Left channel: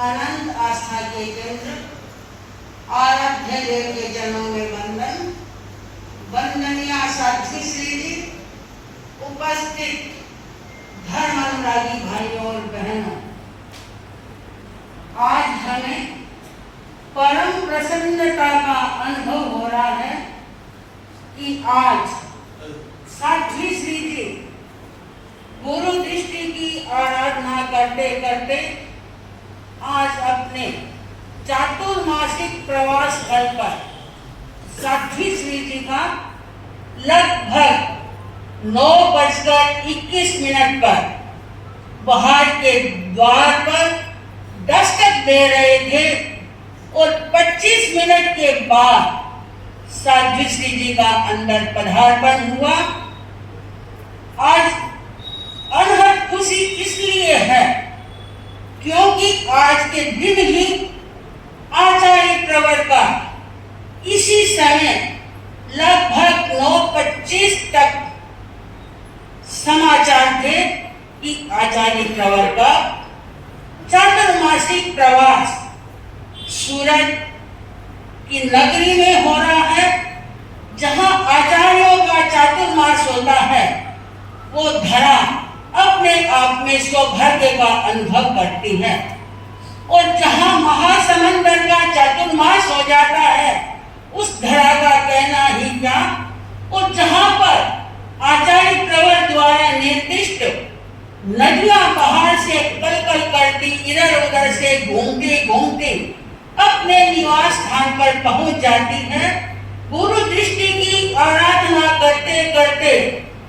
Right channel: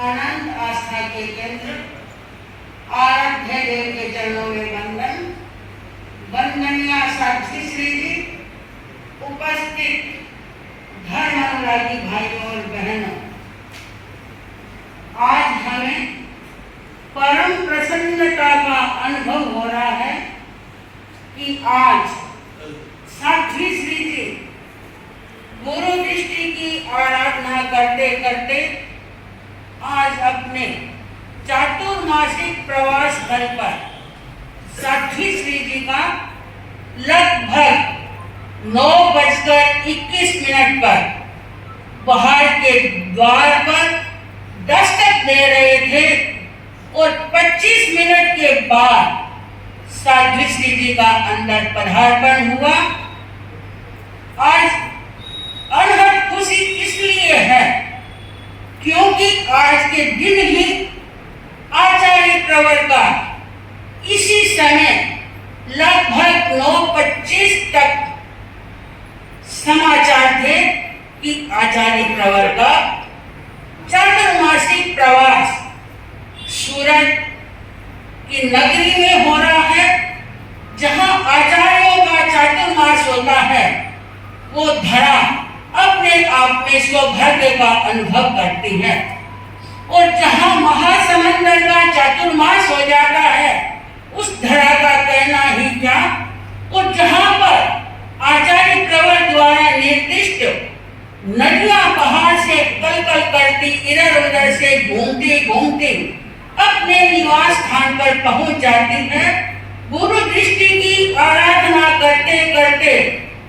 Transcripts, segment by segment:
अनंत आस्था के केंद्र आराध्य देव के चरणों में वंदन। वंदनीय साध्वी श्री जी, उपस्थित धर्म अनुरागी भाइयों और बहनों, आज हमें परम प्रसन्नता का अनुभव हो रहा है कि आज साध्वी श्री जी गुरु दृष्टि की आराधना करते करते आज अपने चातुर्मासिक प्रवास स्थल पर साध्वी श्री जी का लगभग 9:21 पर बाहर के द्वार पर दस्तक दे रहे थे और 25 मिनट के बाद साध्वी श्री जी का अंदर पधार्पण हुआ। आज अनहद खुशी इसलिए है क्योंकि आज के दिन ही आचार्य प्रवर का इसी समय लगभग 9:25 तक समाचार थे कि आचार्य प्रवर का चातुर्मासिक प्रवास सूरत की नगरी में हो रहा है। जहां आचार्यों का चातुर्मास होता है वो धरा अपने आप में सौभाग्य का अनुभव करती है, और जहां महासमंदर का चातुर्मास हो जाता है उस धरा का कहना ही क्या। और जहां पर आचार्य प्रवर द्वारा निर्दिष्ट नदियां पहाड़ से कलकल करती इधर उधर से घूमती घूमती अपने निवास स्थान पर पहुंच जाती है, गुरु दृष्टि की आराधना करते करते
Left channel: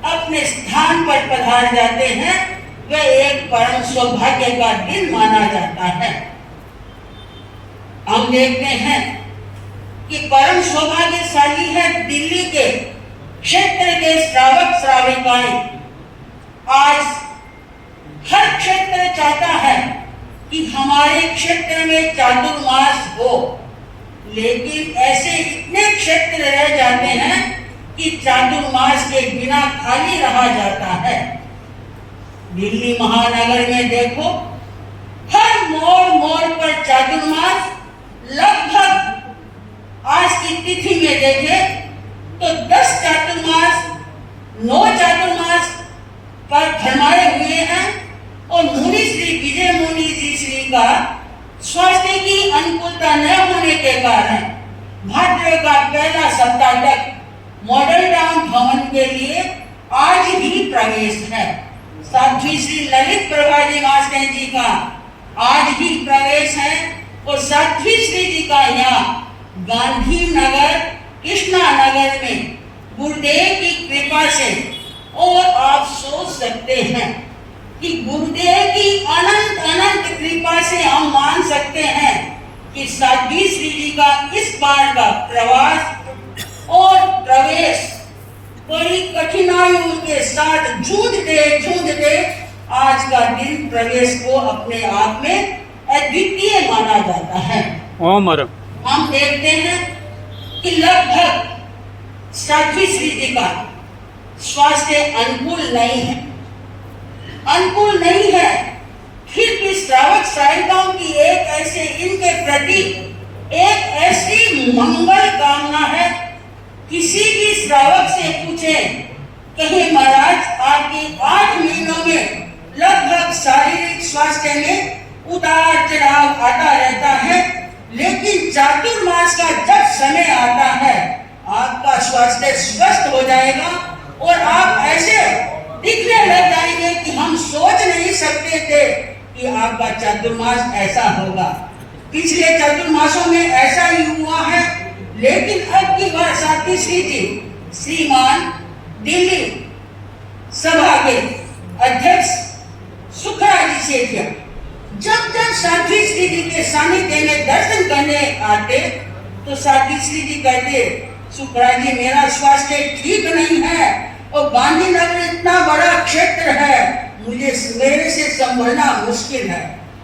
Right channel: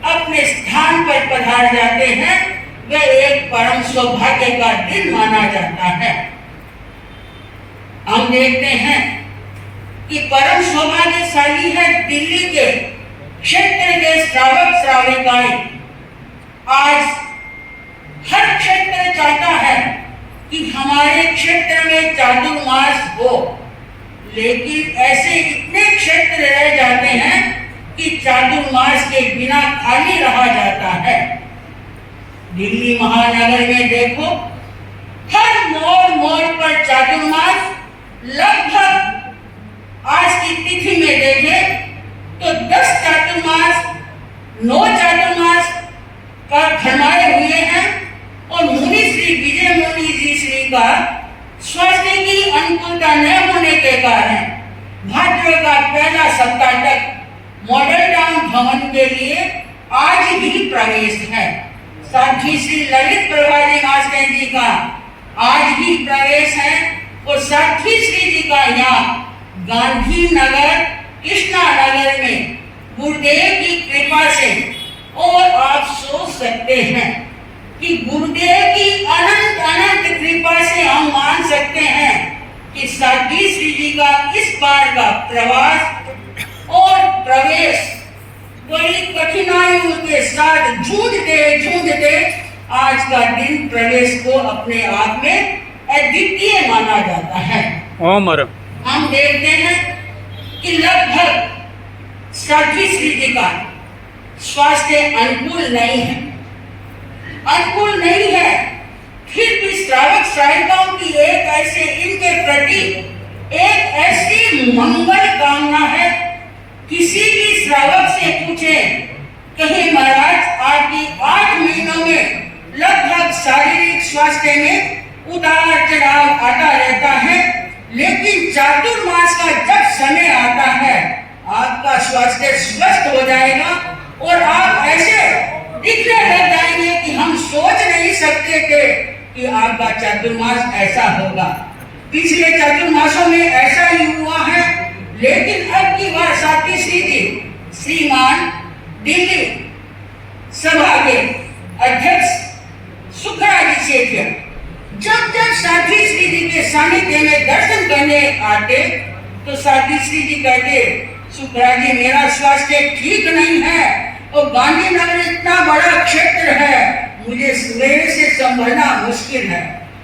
अपने स्थान पर पधार जाते हैं, वह एक परम सौभाग्य का दिन माना जाता है। हम देखते हैं कि परम सौभाग्यशाली है दिल्ली के क्षेत्र के श्रावक श्राविकाएं। आज हर क्षेत्र चाहता है कि हमारे क्षेत्र में चातुर्मास हो, लेकिन ऐसे इतने क्षेत्र रह जाते हैं कि चातुर्मास के बिना खाली रहा जाता है। दिल्ली महानगर में देखो, हर मोड़ मोड़ पर चातुर्मास। लगभग आज की तिथि में देखें तो 10 चातुर्मास 9 चातुर्मास पर फरमाए हुए हैं, और मुनि श्री विजय मुनि जी श्री का स्वास्थ्य की अनुकूलता न होने के कारण भाद्र का पहला सप्ताह तक मॉडल टाउन भवन के लिए आज भी प्रवेश है। साध्वी श्री ललित प्रभा जी महाशय जी का आज भी प्रवेश है, और साध्वी श्री जी का यहाँ गांधी नगर कृष्णा नगर में गुरुदेव की कृपा से, और आप सोच सकते हैं कि गुरुदेव की अनंत अनंत कृपा से हम मान सकते हैं कि साध्वी श्री जी का इस बार का प्रवास और प्रवेश बड़ी कठिनाइयों के साथ झूझते आज का दिन प्रवेश को अपने आप में अद्वितीय माना जाता है। हम देखते हैं कि लगभग साध्वी श्री जी का स्वास्थ्य अनुकूल नहीं है, फिर भी श्रावक श्राविकाओं की एक ऐसे इनके प्रति एक ऐसी मंगल कामना है। किसी भी श्रावक से पूछे, कहीं महाराज आपकी 8 महीनों में लगभग शारीरिक स्वास्थ्य में उतार चढ़ाव आता रहता है, लेकिन चातुर्मास का जब समय आता है आपका स्वास्थ्य स्वस्थ हो जाएगा और आप ऐसे दिखने लग जाएंगे कि हम सोच नहीं सकते थे कि आपका चातुर्मास ऐसा होगा। पिछले चातुर्मासों में ऐसा ही हुआ है, लेकिन अब की बार साध्वी श्री जी श्रीमान दिल्ली सभा के अध्यक्ष सुखराज जी से जब साध्वी श्री जी के सानिध्य में दर्शन करने आते तो साध्वी श्री जी कहते, सुखराज जी मेरा स्वास्थ्य ठीक नहीं है और गांधीनगर इतना बड़ा क्षेत्र है, मुझे मेरे से संभलना मुश्किल है।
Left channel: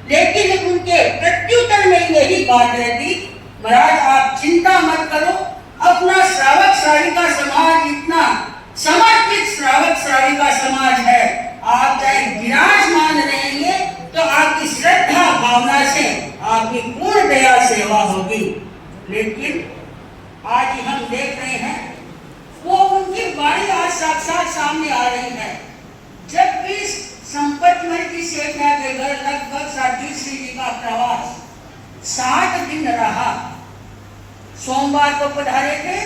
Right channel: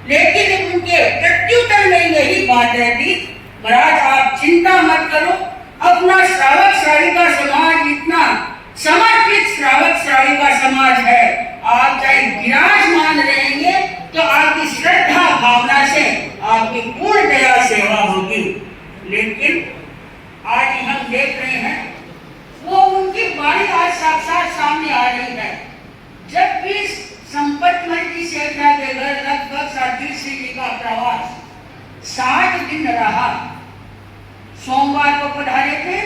लेकिन उनके प्रत्युत्तर में यही बात रहती, महाराज आप चिंता मत करो, अपना श्रावक श्राविका समाज इतना समर्पित श्रावक श्राविका समाज है, आप चाहे विराजमान रहेंगे तो आपकी श्रद्धा भावना से आपकी पूर्ण दया सेवा होगी। लेकिन आज हम देख रहे हैं वो उनकी वाणी आज साक्षात सामने आ रही है। जब भी संपतमल जी सेठा के घर लगभग साथी श्री जी का प्रवास 7 दिन रहा। सोमवार को पधारे थे,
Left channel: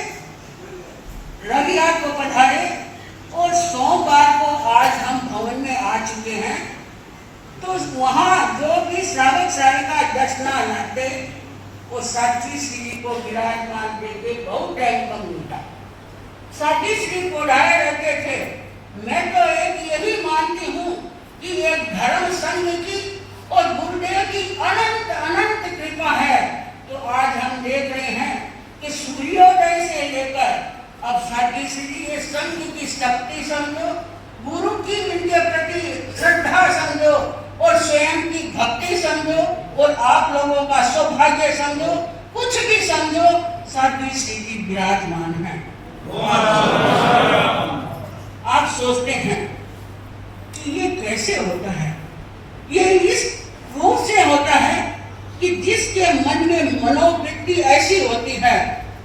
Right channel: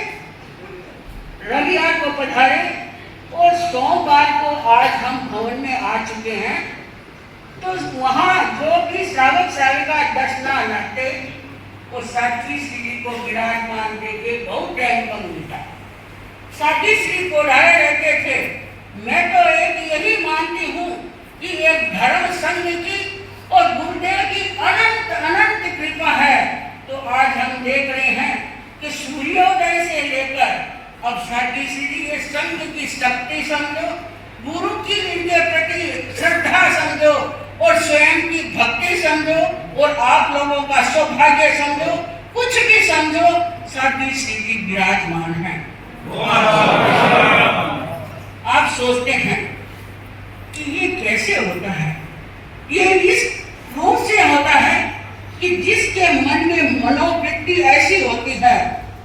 रविवार को पधारे और सोमवार को आज हम भवन में आ चुके हैं। तो वहां जो भी श्रावक श्राविका दर्शना थे वो साथी श्री जी को विराजमान देखे बहुत टाइम कम मिलता। साथी श्री बोलाए रहते थे। मैं तो एक यही मानती हूँ कि एक धर्म संघ की और गुरुदेव की अनंत अनंत कृपा है। तो आज हम देख रहे हैं कि सूर्योदय से लेकर अब साथी श्री जी ये संघ की शक्ति समझो, गुरु की इनके प्रति श्रद्धा समझो और स्वयं की भक्ति समझो और आप लोगों का सौभाग्य समझो, कुछ भी समझो, साथी श्री जी विराजमान है। आप सोचते हैं कि ये कैसे होता है? ये इस रूप से होता है कि जिसके मन में मनोवृत्ति ऐसी होती है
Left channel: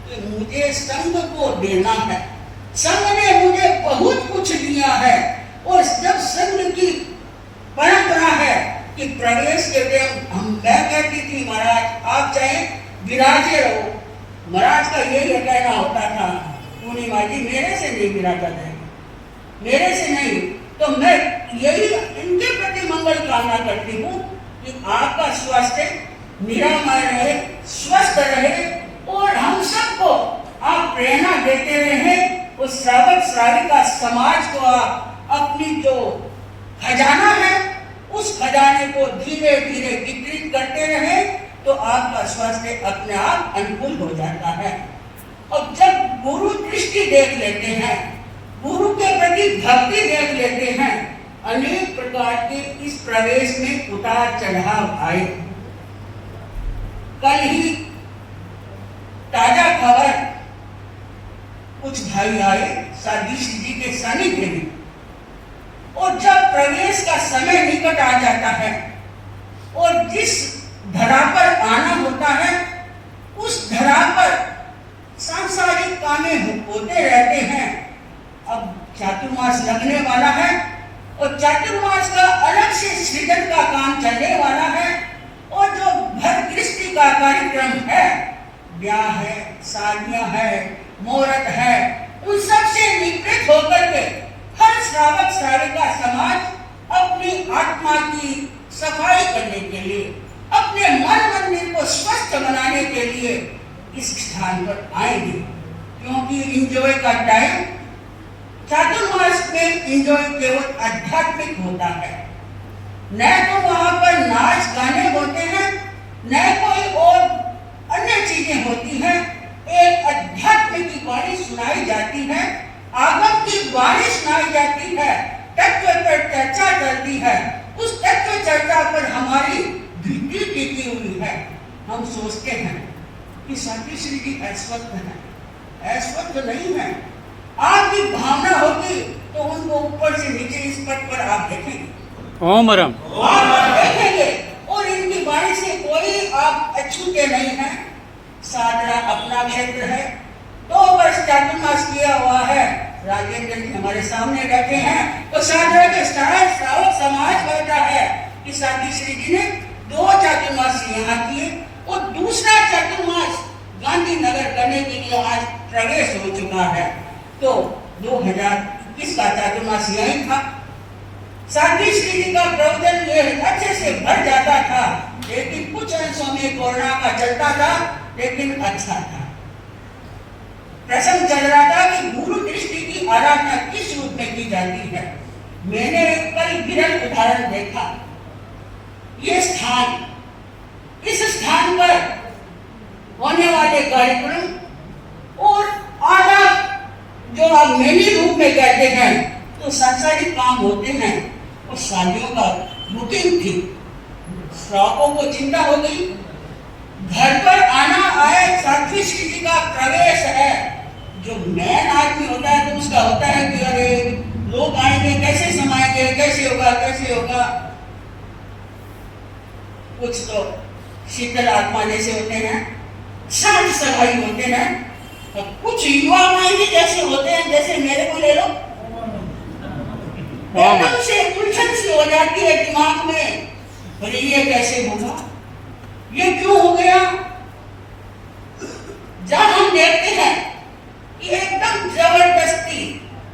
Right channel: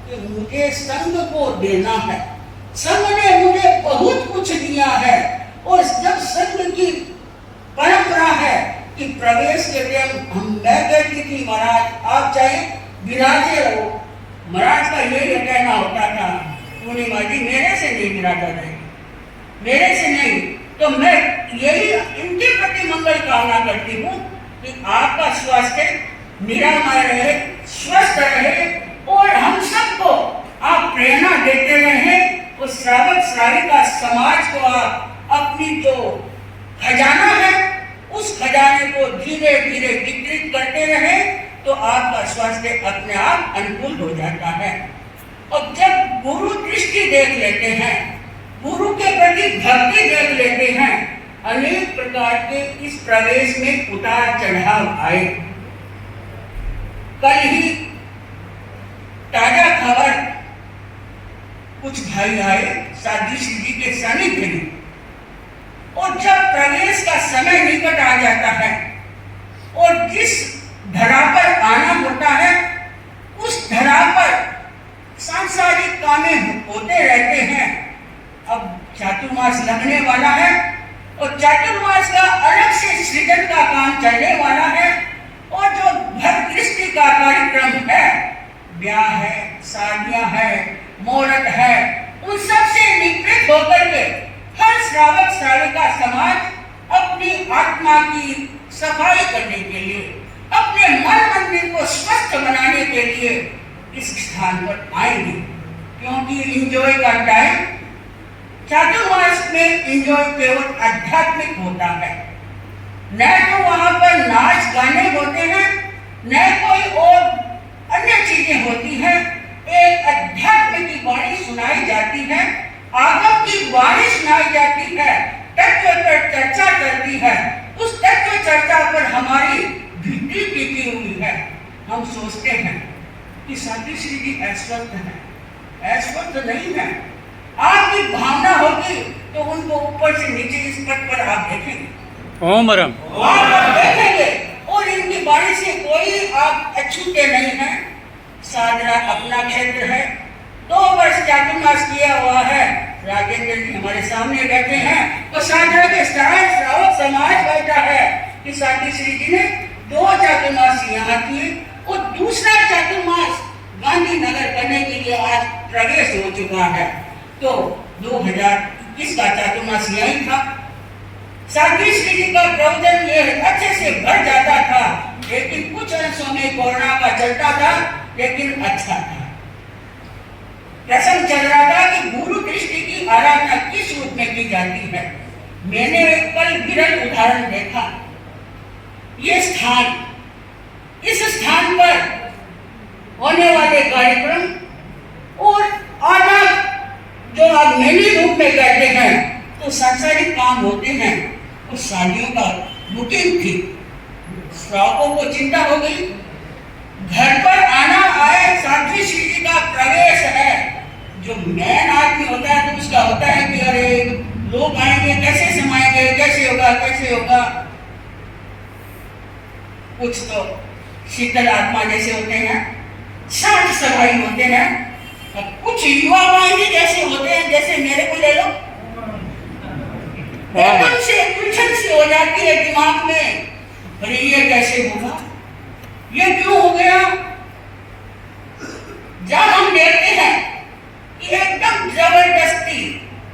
कि मुझे संघ को देना है, संघ ने मुझे बहुत कुछ दिया है। और जब संघ की परंपरा है कि प्रवेश के टाइम मैं कहती थी महाराज आप चाहे विराजे रहो, महाराज का यही कहना होता था पूर्णिमा जी मेरे से नहीं विराजा जाएगा, मेरे से नहीं। तो मैं यही इनके प्रति मंगल कामना करती हूँ कि आपका स्वास्थ्य निरामय रहे, स्वस्थ रहे और हम सबको आप प्रेरणा देते रहे। उस श्रावक श्राविका समाज को आप अपनी जो खजाना है उस खजाने को धीरे धीरे वितरित करते रहे तो आपका स्वास्थ्य अपने आप अनुकूल हो जाता है। और जब गुरु दृष्टि देख लेते हैं, गुरु के प्रति भक्ति देख लेते हैं, अनेक प्रकार के इस प्रवेश में उतार चढ़ाव आए। कल ही ताजा खबर कुछ भाई आए साथी श्री जी के सानिध्य में और जब प्रवेश का समय निकट आ जाता है और जिस धरा पर आना होता है उस धरा पर सांसारिक कामें होते रहते हैं। अब चातुर्मास लगने वाला है और चातुर्मास का अलग से सृजन का काम चलने वाला है और जो भर दृष्टि का कार्यक्रम है, ब्याह है, शादियां है, मुहूर्त है, उन सब से निवृत्त होकर के हर श्रावक श्राविका समाज अपनी आत्मा की सफाई करने के लिए, अपने मन मंदिर को स्वस्थ बनाने के लिए इस स्थान पर आएंगे। क्योंकि एंजॉय का टाइम चातुर्मास में एंजॉय केवल आध्यात्मिक होता है, न तो वहां पर नाच गाने होते हैं न कोई और अन्य चीजें होती हैं। एक अध्यात्म की वाणी सुनाई जाती है, आगम की वाणी सुनाई जाती है, तत्व पर चर्चा चलती है। उस तत्व चर्चा पर हमारी दृष्टि टिकी हुई है। हम सोचते हैं कि साथी श्री जी ऐश्वर्त है, ऐश्वर्त नहीं है। आपकी भावना होगी तो उनको ऊपर से नीचे इस पद पर आप देखेंगे, ओम रम देखेंगे और इनकी वाणी से कोई आप अछूते नहीं है। साधना अपना क्षेत्र है, 2 वर्ष चातुर्मास किया हुआ है। राजेंद्र जी हमारे सामने बैठे हैं तो साधना के श्रावक समाज बैठा है कि साथी श्री जी ने 2 चातुर्मास यहाँ किए और दूसरा चातुर्मास गांधीनगर करने के लिए आज प्रवेश हो चुका है। तो 2021 का चातुर्मास यही था। साथी श्री जी का प्रवचन ये अच्छे से भर जाता था, लेकिन कुछ अंशों में कोरोना का चलता था, लेकिन अच्छा था। प्रसंग चल रहा था कि गुरु दृष्टि की आराधना किस रूप में की जाती है। मैंने एक कल विरल उदाहरण देखा। ये स्थान, इस स्थान पर होने वाले कार्यक्रम और आना जो आप मेली रूप में कहते हैं तो सांसारिक काम होते हैं और शादियों का बुकिंग थी। श्रावकों को चिंता हो गई, घर पर आना आए साथी श्री जी का प्रवेश है। जो मैन आदमी होता है तो उसका होता है कि अरे लोग आएंगे, कैसे समाएंगे, कैसे होगा। कुछ तो शीतल आत्मा जैसे होते हैं, शांत स्वभावी होते हैं, तो कुछ युवा वाहिनी जैसे होते हैं, जैसे मेरे को ले लो, एकदम से उलझन सी हो जाती है दिमाग में, अरे ये कैसे होगा, ये क्यों हो गया। जब हम देखते हैं कि एकदम जबरदस्ती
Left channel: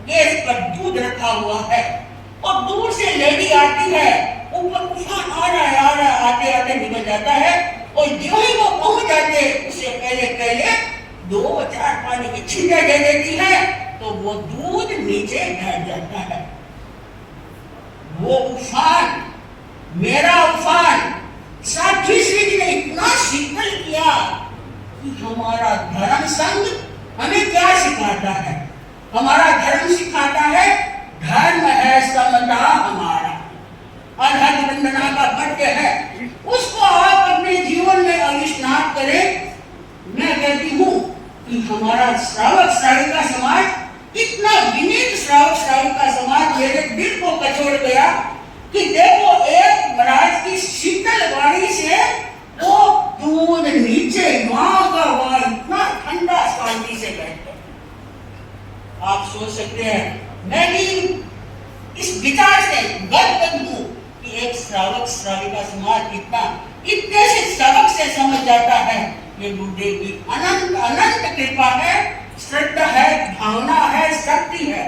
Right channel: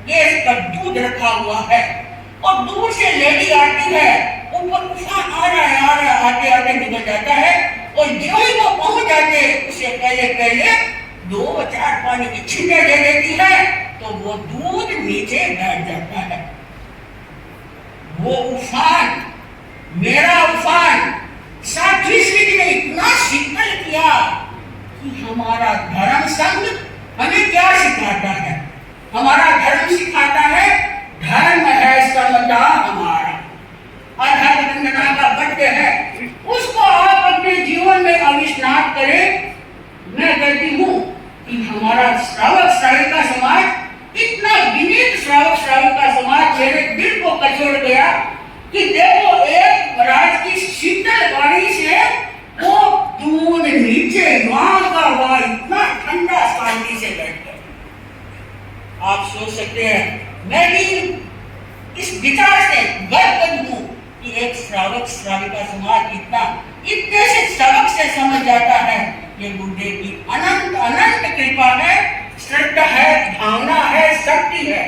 गैस पर दूध रखा हुआ है और दूर से लेडी आती है, ऊपर तूफान आ रहा है, आते आते निकल जाता है, और जो ही वो पहुंच जाते उससे पहले 2-4 पानी की छींटे दे देती है, तो वो दूध नीचे बैठ जाता है। वो उफान, मेरा उफान साध्वी श्री जी ने इतना शीतल किया कि हमारा धर्म संघ हमें क्या सिखाता है। हमारा धर्म सिखाता है, धर्म है समता हमारा, आध्यात्मिक वंदना का पट्य है, उसको आप अपने जीवन में आविष्कार करें। मैं कहती हूँ कि हमारा श्रावक श्राविका समाज, इतना विनीत श्रावक श्राविका समाज मेरे दिल को कचोड़ गया कि देखो एक महाराज की शीतल वाणी से वो दूध नीचे मां का वहां इतना ठंडा शांति से बैठ गया। आप सोच सकते हैं, मैं भी इस विचार से गर्व हूं कि एक श्रावक श्राविका समाज इतने से सबक से समझ जाता है। ये गुरुदेव की अनंत अनंत कृपा है, श्रद्धा है, भावना है, शक्ति है।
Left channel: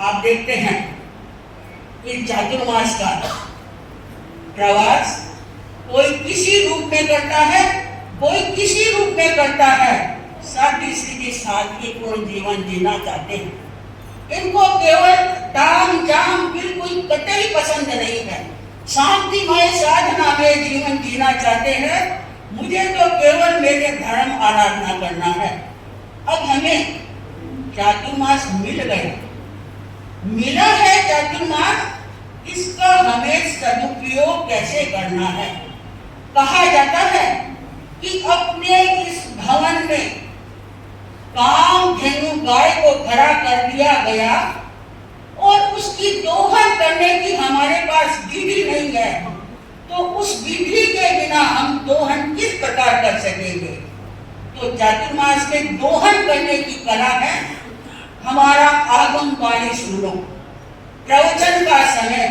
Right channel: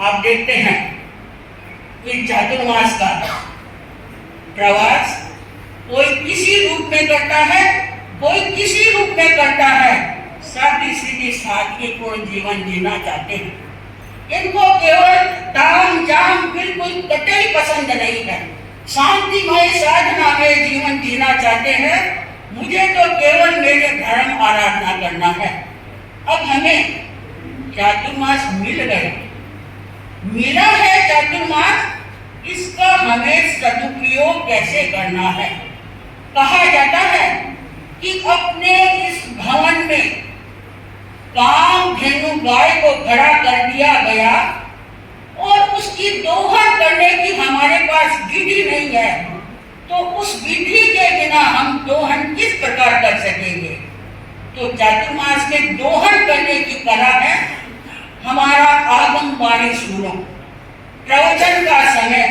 आप देखते हैं इस चातुर्मास का प्रवास कोई किसी रूप में करता है, कोई किसी रूप में करता है। साथी सीधी सादगीपूर्ण जीवन जीना चाहते हैं। इनको केवल ताम जाम बिल्कुल कतई पसंद नहीं है। शांतिमय साधना में जीवन जीना चाहते हैं। मुझे तो केवल मेरे धर्म आराधना करना है। अब हमें चातुर्मास मिल गया, मिला है चातुर्मास, इसका हमें सदुपयोग कैसे करना है। कहा जाता है कि अपने इस भवन में कामधेनु गाय को खड़ा कर दिया गया और उसकी दोहन करने की हमारे पास विधि नहीं है, तो उस विधि के बिना हम दोहन किस प्रकार कर सकेंगे। तो चातुर्मास में दोहन करने की कला है। हमारा आगम वाणी सुनो, प्रवचन का समय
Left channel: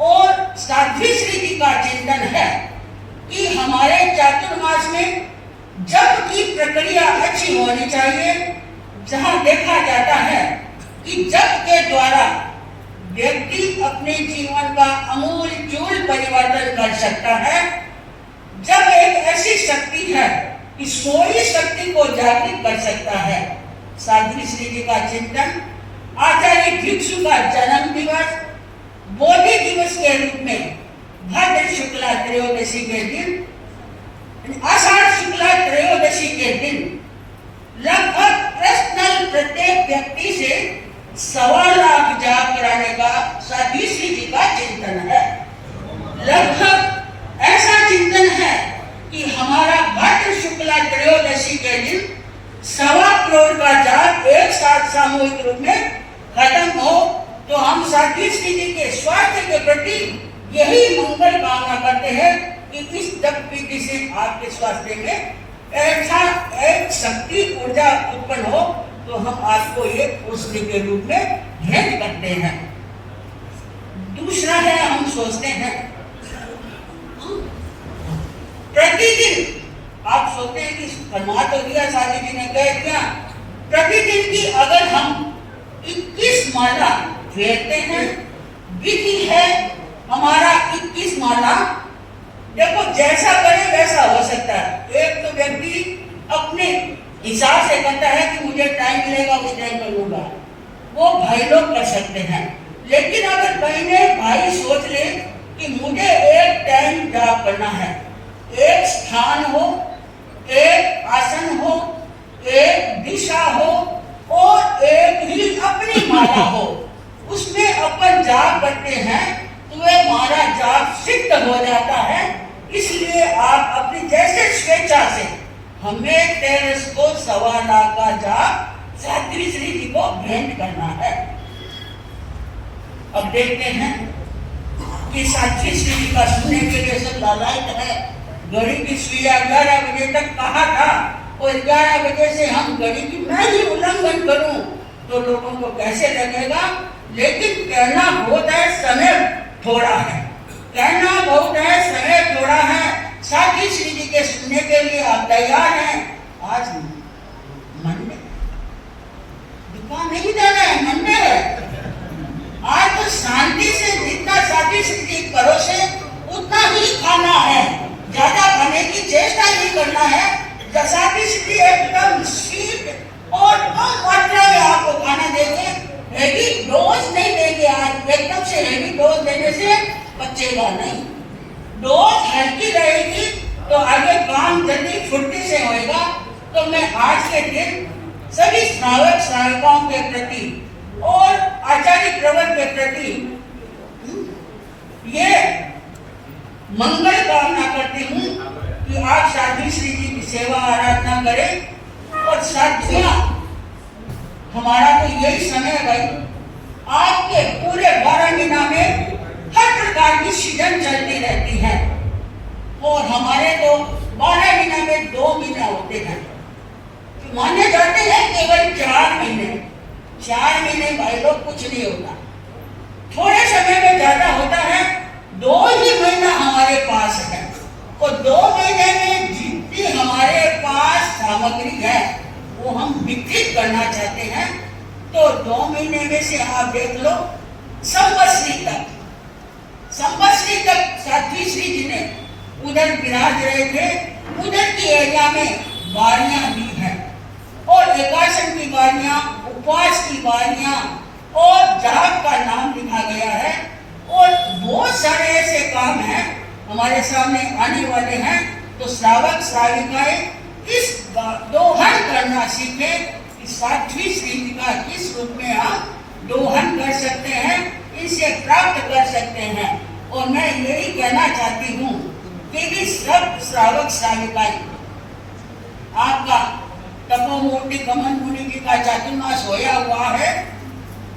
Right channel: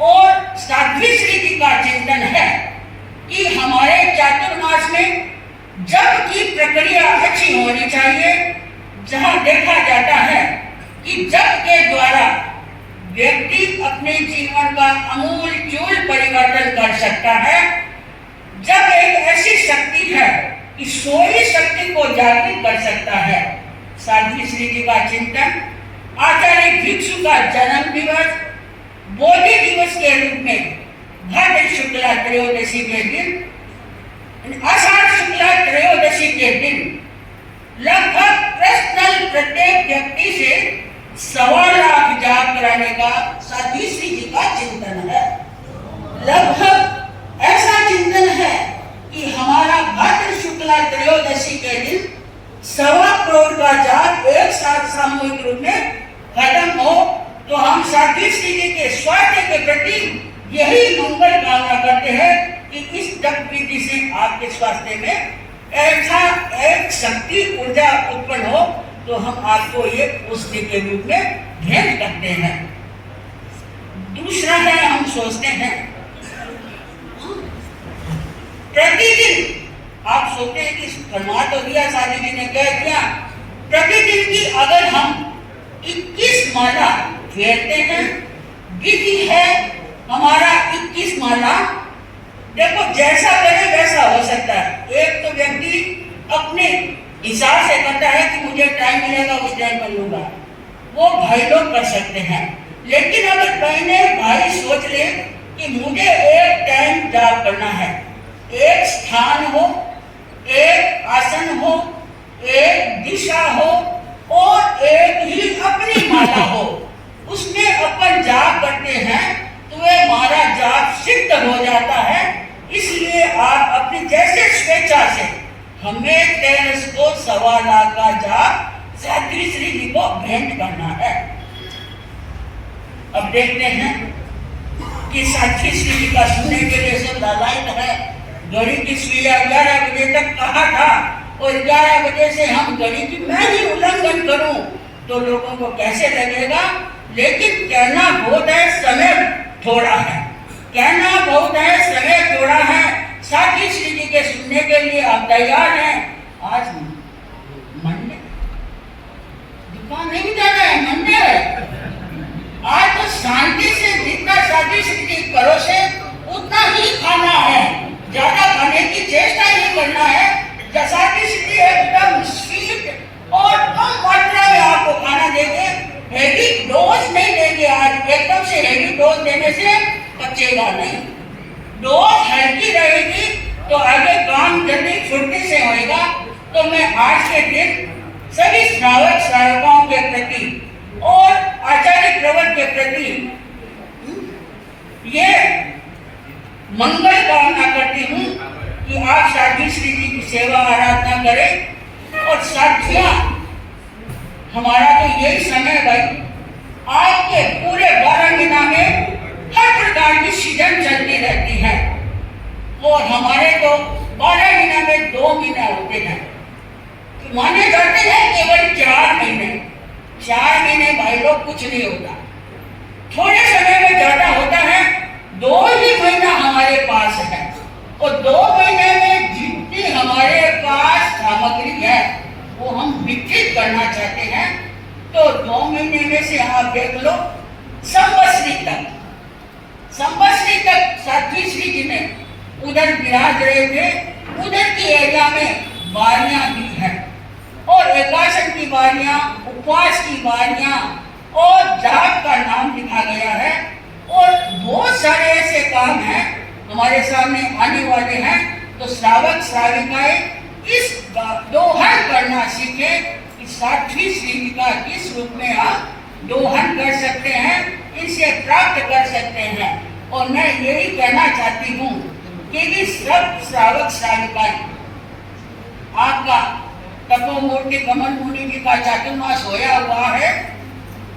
और साध्वी श्री जी का चिंतन है कि हमारे चातुर्मास में जप की प्रक्रिया अच्छी होनी चाहिए, जहां देखा जाता है कि जप के द्वारा व्यक्ति अपने जीवन का अमूल चूल परिवर्तन कर सकता है। जब एक ऐसी शक्ति है कि सोई शक्ति को जागृत कर सकता है। साध्वी श्री जी का चिंतन आचार्य भिक्षु का जन्म दिवस बोधि दिवस के रूप में भाद्र शुक्ला त्रयोदशी के दिन, आषाढ़ शुक्ला त्रयोदशी के दिन लगभग पर्सनल प्रत्येक व्यक्ति से 1.25 लाख जाप कराने का साध्वी श्री जी का चिंतन है। लगभग ऐसा चिंतन है कि हमारा भाद्र शुक्ला त्रयोदशी के दिन 1.25 करोड़ का जाप एक साथ सामूहिक रूप में खत्म हो, तो हम साध्वी श्री जी के स्वास्थ्य के प्रति यही मंगल कामना करते हैं कि इस जप विधि से आपके स्वास्थ्य में ऐसा एक शक्ति ऊर्जा उत्पन्न हो, तो हम आपको ये औषधि के रूप में भेंट करते हैं। दूसरा है, हम सोचते हैं प्रतिदिन, आप सोचते हैं कि फरमा तो दिया साध्वी जी ने, कह दिया प्रतिदिन की अगर हम 21 माला फेरते हैं, विधि है हमारा 21 माला। देखो जैसा करे वैसा हो सकता है। एक तो व्यक्ति अपने हिसाब से करता है कि मुझे टाइम मिलेगा उस टाइम कर लूंगा, वो भाई लोग कर सकते हैं। लेकिन अगर बहने भाई सोच ले कि मुझे एक टाइम जाप करना है, एक स्थान हो, एक आसन हो, एक दिशा हो और एक ही अपनी माला हो, उसमें अपन जाप करते हैं तो वह हमारा जाप सिद्ध हो जाता है। इसलिए आप अपनी जैसे स्वेच्छा से हमें 13.25 लाख का जाप साध्वी श्री जी को भेंट करना है। अब देखते हैं कि साथी श्री का सुनने के लिए सब लालायित है। घड़ी की सुइया 11 बजे तक कहा था और 11 बजे से हम घड़ी की मैं ही उल्लंघन करूं तो लोगों को कैसे लगेगा। लेकिन कहना बहुत है, समय थोड़ा है। कहना बहुत है, समय थोड़ा है। साथी श्री जी के सुनने के लिए आप तैयार हैं। आज मन में दुकान नहीं जाना है, मन में है। आज तो शांति से जितना साथी श्री जी परोसे उतना ही खाना है, ज्यादा खाने की चेष्टा नहीं करना है। साथी श्री जी एकदम स्वीट और कम मात्रा में आपको खाना देंगे, हेवी डोज नहीं देंगे। आज एकदम से हेवी डोज देने से बचेगा नहीं, डोज हल्की रहेगी तो आगे काम जल्दी फुर्ती से होएगा। तो मैं आज के दिन सभी श्रावक श्राविकाओं के प्रति और आचार्य प्रवर के प्रति ये मंगल कामना करती हूँ कि आप साध्वी श्री जी की सेवा आराधना करें। और साथियां, हमारा तो यही समय भाई, आपके पूरे 12 महीना में हर प्रकार की सीजन चलती रहती है और हमारे तो 12 महीना में 2 महीना होते हैं। तो माने जाते हैं केवल 4 महीने। 4 महीने भाई लोग कुछ नहीं होता, थोड़े समय में ज्यादा होता है। 2 ही महीना हमारे पास है और 2 महीने में जितनी हमारे पास सामग्री है वो हम विकसित करना चाहते हैं। तो 2 महीने में से आप देख लो, संवत्सरी तक साध्वी श्री जी ने उधर विराज रहे थे। उधर की एरिया में बारियां भी हैं और एकासन की बारियां, उपवास की बारियां और जाप का नाम लिखा गया है। और बहुत सारे ऐसे काम हैं हमारे सामने आने वाले हैं। तो श्रावक श्राविकाएं इस दोहन करना सीखें कि साध्वी श्री जी का किस रूप में आप दोहन कर सकते हैं, इसे प्राप्त कर सकते हैं। और मैं यही कहना चाहती हूँ कि सब श्रावक श्राविकाएं, आपका तपोमूर्ति कमल मुनि जी का चातुर्मास होया हुआ है,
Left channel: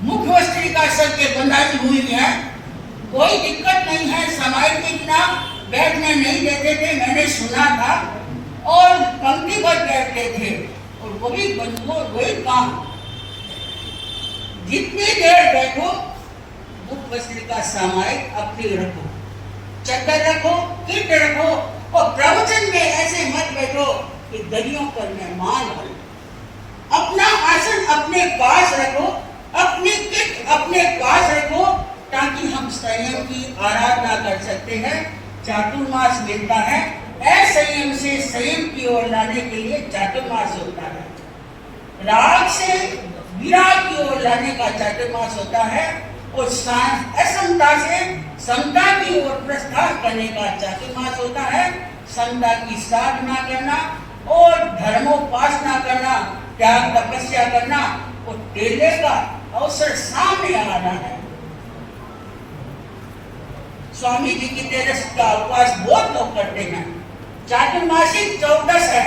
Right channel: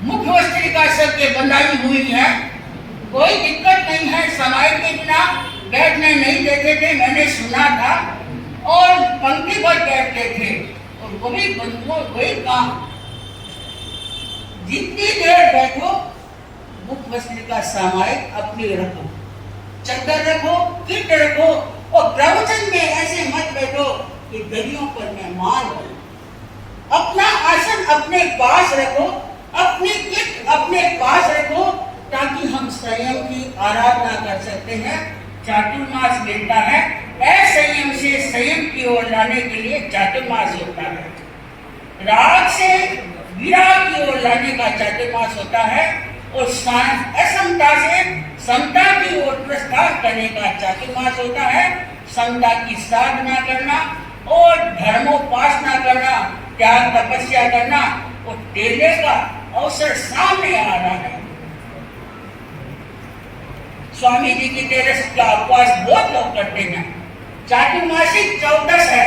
मुख्य वस्त्रिका सबके बंधाई हुई है, कोई दिक्कत नहीं है। समाज के बिना बैठने नहीं देते थे, मैंने सुना था, और पंक्तिबद्ध बैठते थे। और वही काम, जितनी देर बैठो मुख्य वस्त्रिका सामायिक अपनी रखो, चद्दर रखो, किट रखो और प्रवचन में ऐसे मत बैठो कि दरियों पर मेहमान हो। अपना आसन अपने पास रखो, अपनी किट अपने पास रखो, ताकि हम संयम की आराधना कर सकते हैं। चातुर्मास मिलता है, असंयम से संयम की ओर लाने के लिए चातुर्मास होता है। राग से विराग की ओर लाने का चातुर्मास होता है और असमता से समता की ओर प्रस्थान करने का चातुर्मास होता है। समता की साधना करना और धर्मोपासना करना, त्याग तपस्या करना, और तेले का अवसर सामने आ रहा है। स्वामी जी की तेरस का उपवास बहुत लोग करते हैं। चातुर्मासिक 14 है,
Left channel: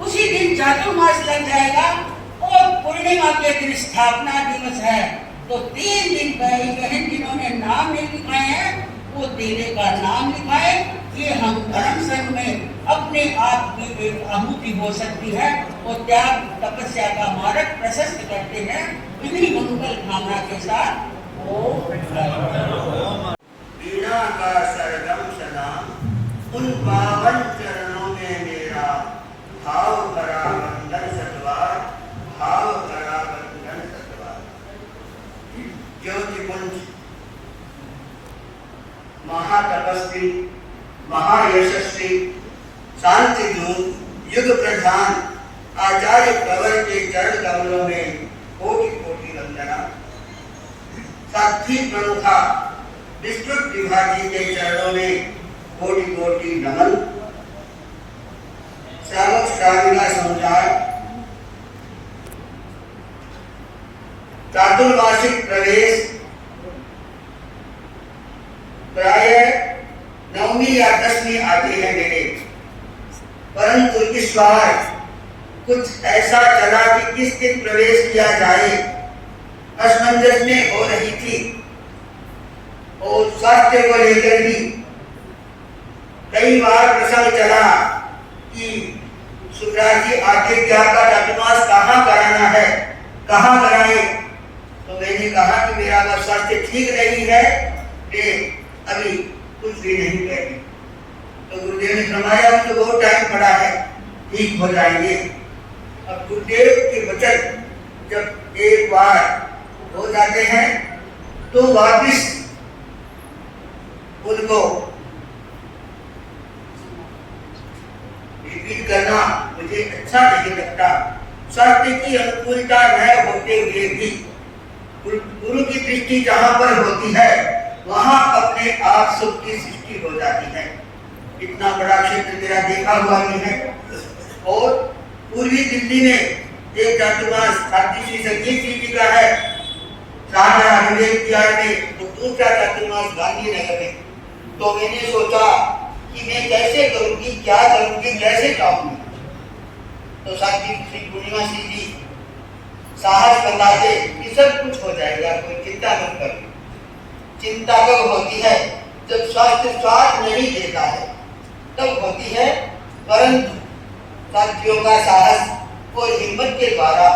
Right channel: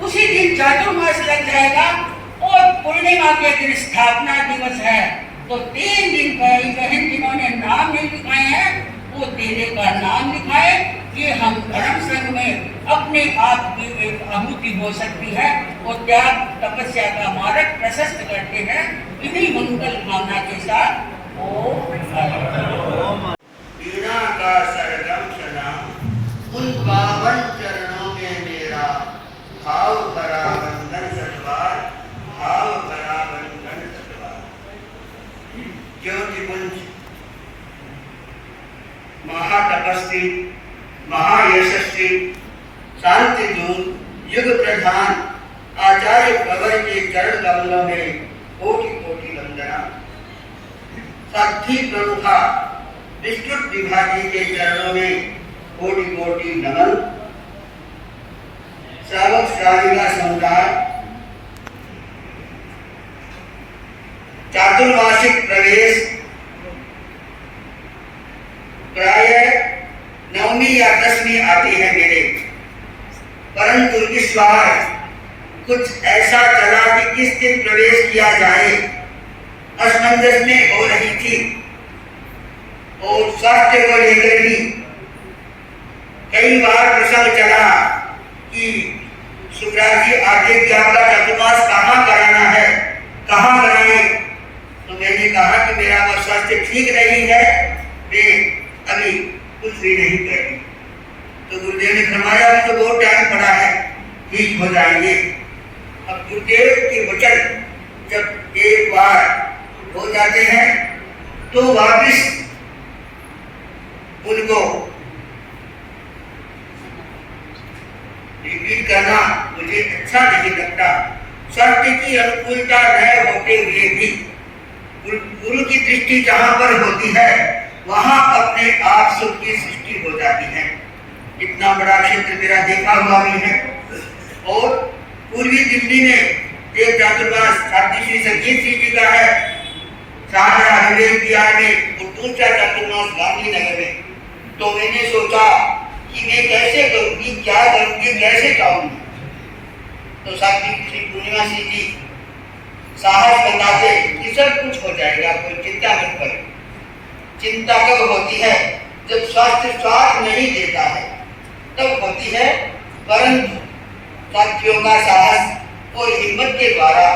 उसी दिन चातुर्मास लग जाएगा और पूर्णिमा के दिन स्थापना दिवस है। तो 3 दिन भाई बहन जिन्होंने नाम नहीं लिखाए हैं वो तेरे का नाम लिखाए। ये हम धर्म संघ में अपने आप की एक आहुति हो सकती है और त्याग तपस्या का मार्ग प्रशस्त करते हैं। इन्हीं मंगल भावना के साथ का सरगम सलाम उन पावन चरणों में मेरा भाव करा बंधन सतवार, भाव करा बंधन सतवार। ज्योतिपुंज महातपस्वी, महायशस्वी, शांति दूत, युग प्रधान आचार्य प्रवर के चरण कमलों में कोटि कोटि वंदना। साथी प्रमुखा विस्तृत विभागी के चरणों में कोटि कोटि नमन। श्रावक श्राविका समुदाय चातुर्मासिक प्रवेश प्राय 9वीं या 10वीं आती है मेरे, परंतु इस बार कुछ ऐसा चला कि किस दिन प्रवेश किया जाए, असमंजस में हो रही थी और स्वास्थ्य को लेकर भी कई बार प्रसंग चला कि सुखराज जी आगे कि आपका चातुर्मास कहाँ कराना है, कहाँ कराए। तो मैंने कहा कि मेरा वो स्वास्थ्य ठीक नहीं है, मैं अभी कुछ भी नहीं कर रही। तो गुरुदेव ने फरमाया अभी तो बहुत टाइम पड़ा है, ठीक हो जाएंगे। अब गुरुदेव के वचन जब एक बार हो जाते हैं तो वापिस उनको रिपीट करना मुझे अच्छा नहीं लगता। स्वास्थ्य की अनुकूलता न होते हुए भी गुरु की दृष्टि जहां पर होती है वहां अपने आप सुख की सृष्टि हो जाती है। इतना बड़ा क्षेत्र मेरा देखा हुआ भी है। और पूर्वी दिल्ली में एक चातुर्मास श्री संगीत जी का है, शाहजहां विवेक विहार में, और दूसरा चातुर्मास गांधीनगर में। तो मैंने सोचा कि मैं कैसे करूंगी, क्या करूंगी, कैसे जाऊंगी। तो साथी श्री पूर्णिमा सिंह जी साहस बताते कि सब कुछ हो जाएगा, कोई चिंता मत करो। चिंता कब होती है? जब स्वास्थ्य साथ नहीं देता है तब होती है। परंतु साथियों का साहस और हिम्मत के द्वारा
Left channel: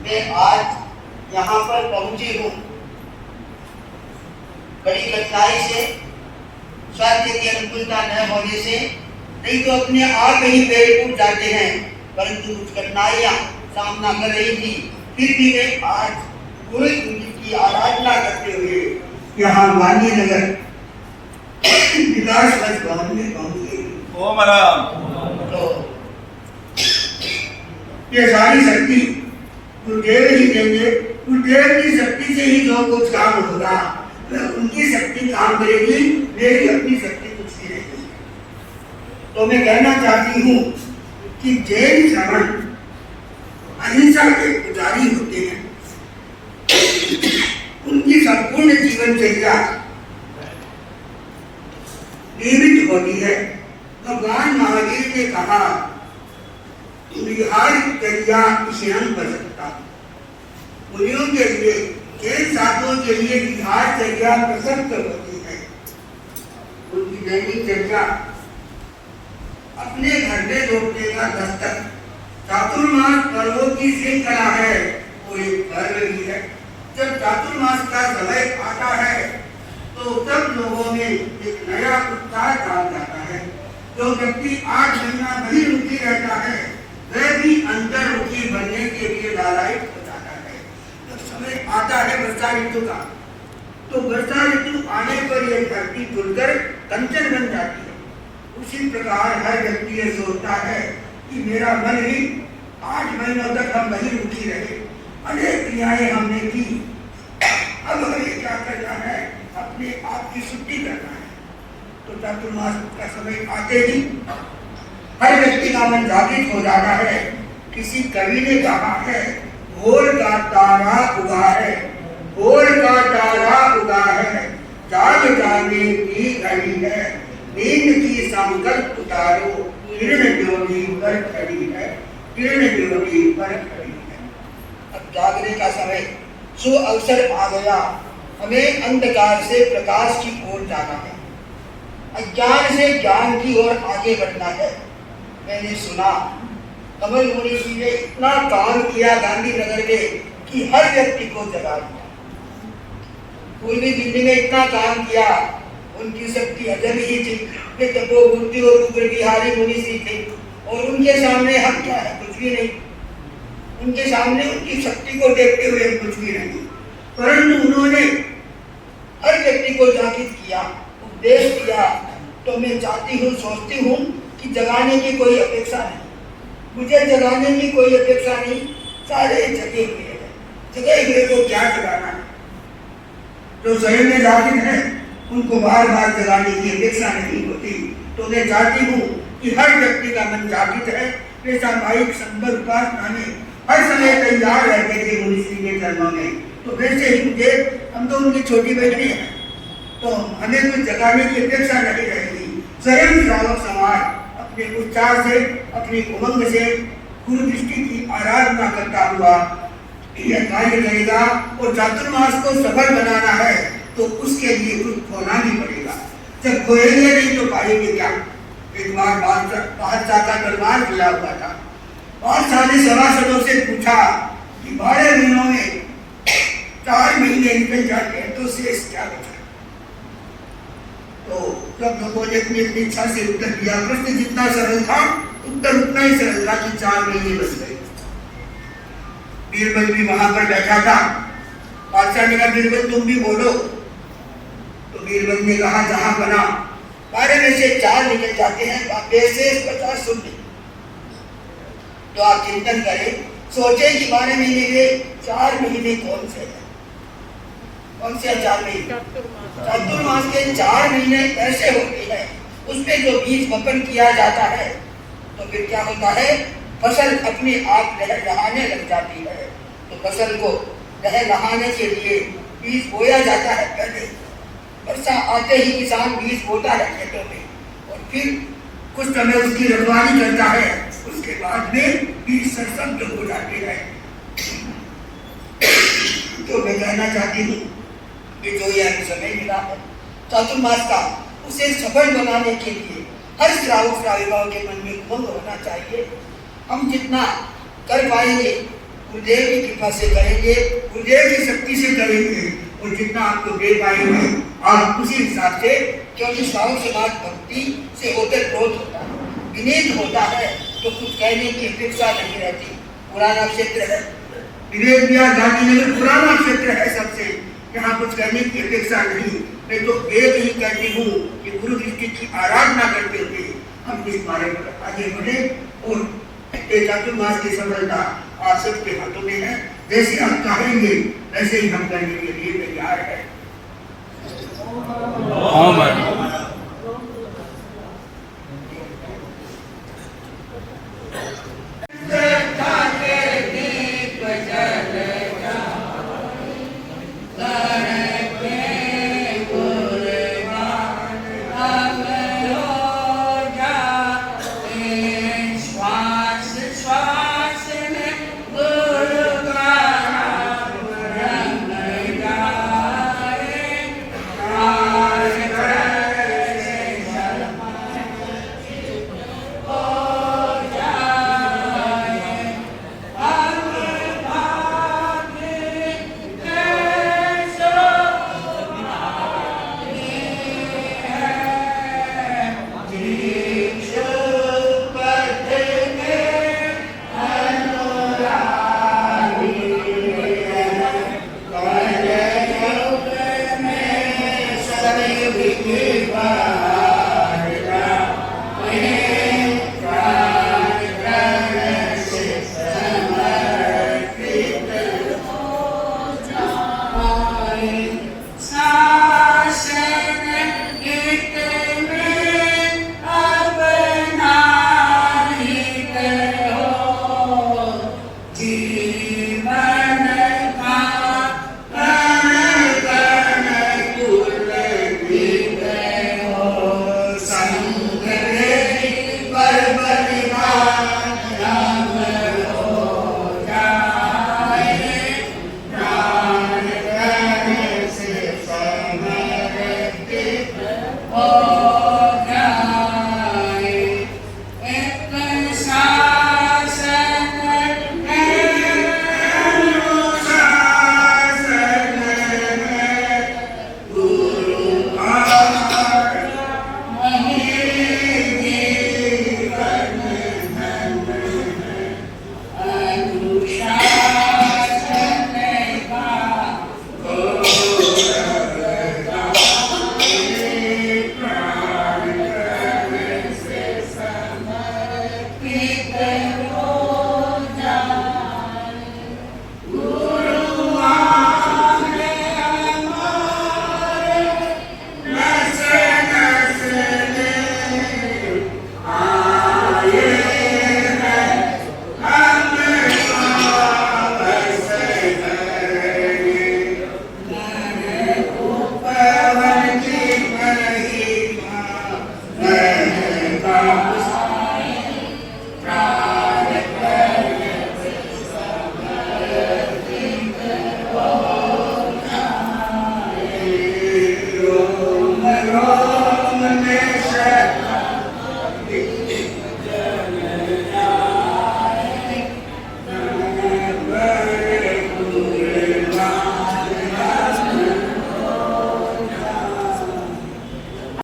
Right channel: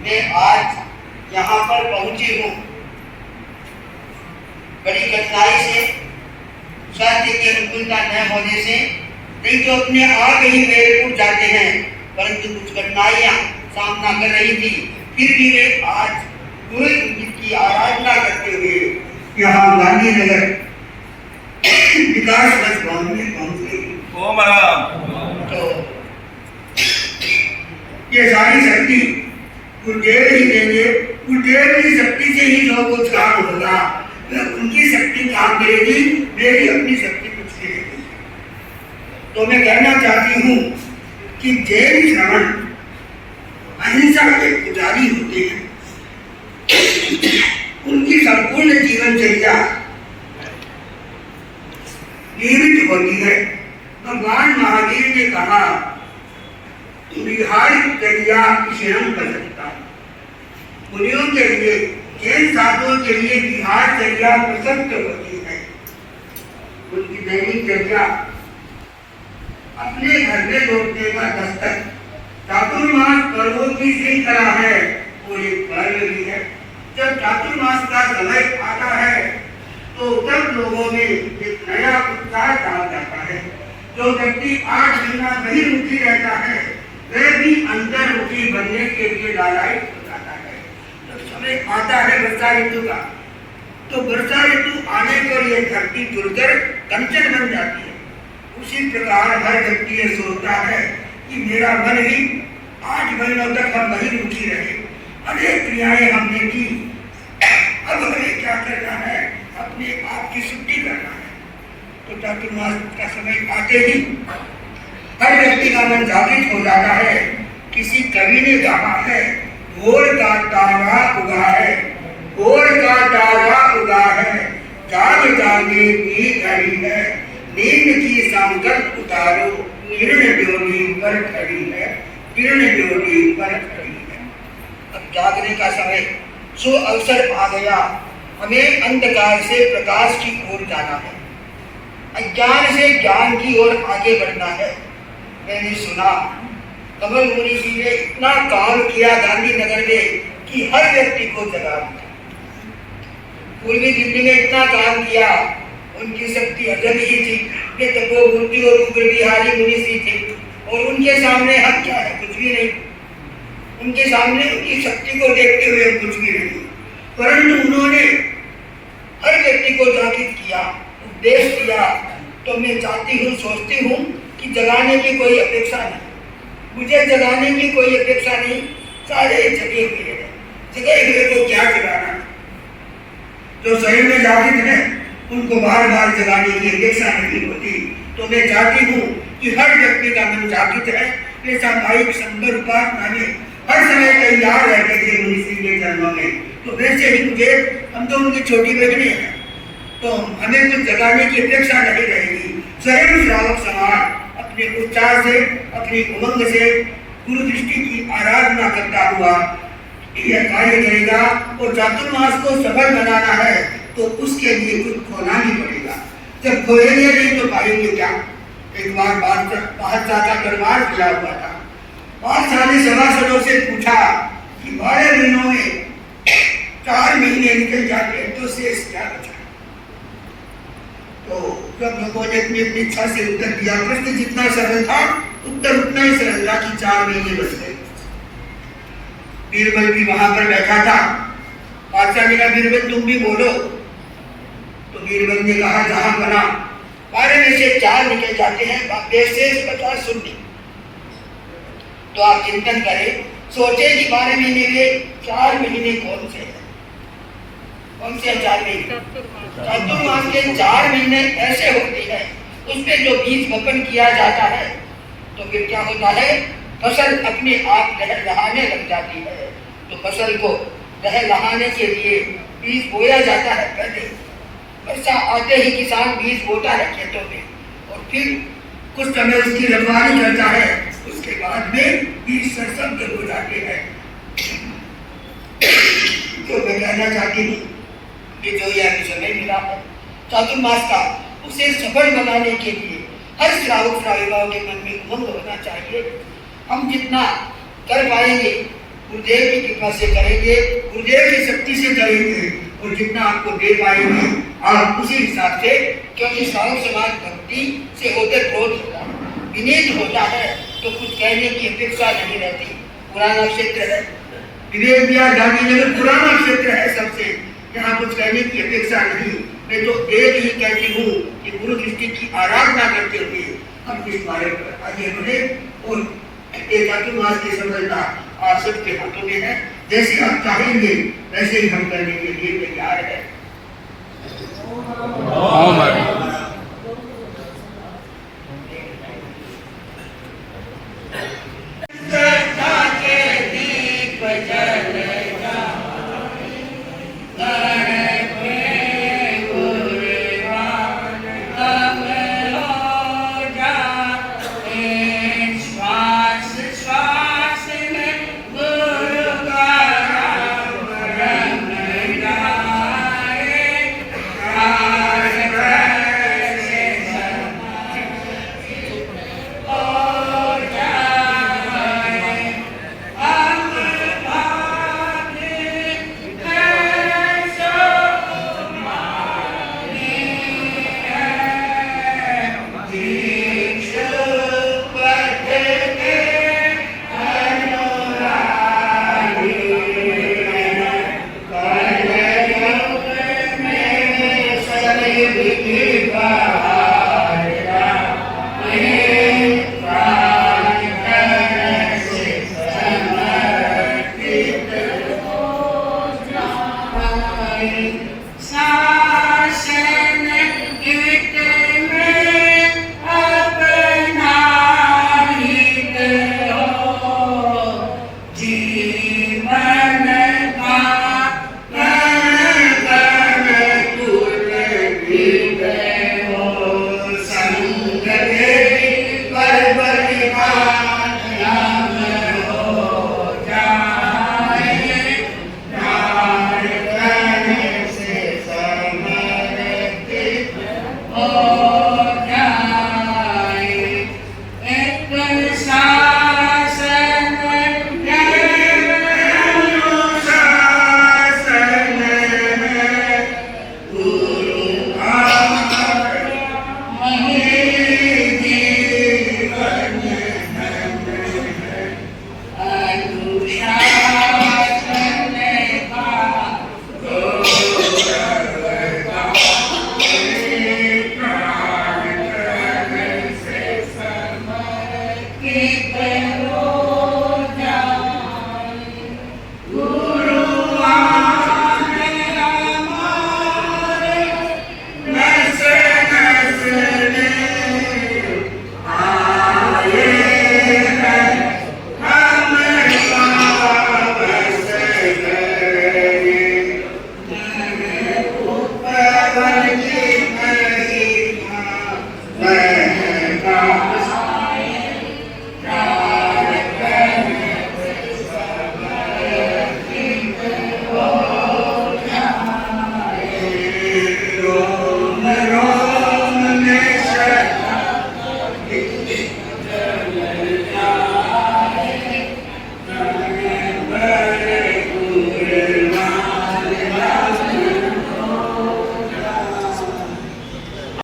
मैं आज यहाँ पर पहुंची हूँ। बड़ी कठिनाई से, स्वास्थ्य की अनुकूलता न होने से, नहीं तो अपने आप ही पेड़ टूट जाते हैं। परंतु कुछ कठिनाइयां सामना कर रही थी, फिर भी मैं आज गुरु की आराधना करते हुए यहाँ गांधीनगर विकास मंच भवन में पहुंचे। ओम राम। तो ये सारी शक्ति गुरुदेव ही देंगे। गुरुदेव की शक्ति से ही जो कुछ काम होगा, उनकी शक्ति काम करेगी, मेरी अपनी शक्ति कुछ नहीं रहेगी। तो मैं कहना चाहती हूँ कि जैन श्रवण अहिंसा के पुजारी होते हैं। उनकी संपूर्ण जीवनचर्या नियमित होती है। भगवान महावीर ने कहा विहारचर्या शयन कर सकता। मुनियों के लिए, जैन साधुओं के लिए विहारचर्या प्रशस्त होती है। उनकी दैनिक चर्या अपने घर में लौटने का दस्तक चातुर्मास पर्वों की श्रृंखला है, वो एक पर्व भी है। जब चातुर्मास का समय आता है तो सब लोगों में एक नया उत्साह डाल जाता है। जो व्यक्ति 8 महीना बहिर्मुखी रहता है वह भी अंतर्मुखी बनने के लिए लालायित हो जाता है। जब समय आता है वर्षा ऋतु का, तो वर्षा ऋतु आने पर यह धरती जुड़कर कंचन बन जाती है। उसी प्रकार हर व्यक्ति ये सोचता है कि मेरा मन ही 8 महीनों तक हम बहिर्मुखी रहे, अनेक क्रियाएं हमने की, अब हमें क्या करना है? अपने आप की शुद्धि करना है। तो चातुर्मास का समय आते ही हर व्यक्ति का मन जागृत हो जाता है। किसी कवि ने कहा है, भोर का तारा उगा है, भोर का तारा उगा है, जाग जाने की घड़ी है, नींद की संकल्प उतारो, किरण ज्योति पर खड़ी है, किरण ज्योति पर खड़ी है। अब जागने का समय, सो अवसर आ गया। हमें अंधकार से प्रकाश की ओर जाना है, अज्ञान से ज्ञान की ओर आगे बढ़ना है। मैंने सुना कमल मुनि जी ने इतना काम किया गांधीनगर में कि हर व्यक्ति को जगा दिया। पूर्वी दिल्ली में इतना काम किया, उनकी शक्ति अजब ही थी। वे तपोमूर्ति और उग्र बिहारी मुनि जी थे, और उनके सामने हम क्या है? कुछ भी नहीं। उनके सामने उनकी शक्ति को देखते हुए कुछ भी नहीं। परंतु उन्होंने हर व्यक्ति को जागृत किया, उपदेश दिया। तो मैं चाहती हूँ, सोचती हूँ कि जगाने की कोई अपेक्षा नहीं, मुझे जगाने की कोई अपेक्षा नहीं। सारे जगे हुए हैं, जगे हुए को क्या जगाना? जो शरीर में जागृत है उनको बार बार जगाने की अपेक्षा नहीं होती। तो मैं चाहती हूँ कि हर व्यक्ति का मन जागृत है। वे सामायिक संबर उपासना में हर समय तैयार रहते थे मुनि श्री के चरणों में। तो वैसे ही मुझे, हम तो उनकी छोटी बहनें हैं, तो हमें कुछ जगाने की अपेक्षा नहीं रहेगी। स्वयं श्रावक समाज अपने उत्साह से, अपनी उमंग से गुरु दृष्टि की आराधना करता हुआ यह कार्य करेगा। और चातुर्मास को सफल बनाना है तो उसके लिए कुछ खोना ही पड़ेगा। जब खोएंगे नहीं तो पाएंगे क्या? एक बार बादशाह का दरबार खुला हुआ था। बादशाह ने सभासदों से पूछा कि 12 महीनों में 4 महीने निकल जाते हैं तो शेष क्या बचा? तो सब लोगों ने अपनी अपनी इच्छा से उत्तर दिया। प्रश्न जितना सरल था उत्तर उतना ही सरल था कि 4 महीने बच गए। बीरबल भी वहां पर बैठा था। बादशाह ने कहा, बीरबल तुम भी बोलो। तो बीरबल ने कहा, जहां बना 12 में से 4 निकल जाते हैं, शेष 50 शून्य। तो आप चिंतन करें, सोचे कि 12 महीने में 4 महीने कौन से हैं? कौन से 4 महीने? चातुर्मास के 4 महीने ऐसे होते हैं, उसमें जो बीज वपन किया जाता है तो फिर क्या होता है? फसल अपने आप लहलहाने लग जाती है। तो फसल को लहलहाने के लिए बीज बोया जाता है। पहले वर्षा आते ही किसान बीज बोता है खेतों में, और फिर कुछ समय उसकी रखवाली करता है। उसके बाद में बीज सरसब्ज हो जाते हैं। तो मैं कहना चाहती हूँ कि जो यह समय मिला है चातुर्मास का, उसे सफल बनाने के लिए हर श्रावक श्राविकाओं के मन में उमंग होना चाहिए। हम जितना कर पाएंगे गुरुदेव की कृपा से करेंगे, गुरुदेव की शक्ति से करेंगे, और जितना आपको दे पाएंगे आप उसी हिसाब से, क्योंकि श्रावक समाज भक्ति से होकर क्रोध होता है, विनीत होता है, तो कुछ कहने की अपेक्षा नहीं रहती। पुराना क्षेत्र है, विवेक विहार गांधीनगर पुराना क्षेत्र है सबसे, यहाँ कुछ कहने की अपेक्षा नहीं। मैं तो एक ही कहती हूँ कि गुरु दृष्टि की आराधना करते हुए हम इस बारे में आगे बढ़े, और चातुर्मास की सफलता आप सबके हाथों में है। जैसे आप चाहेंगे वैसे ही हम करने के लिए तैयार है।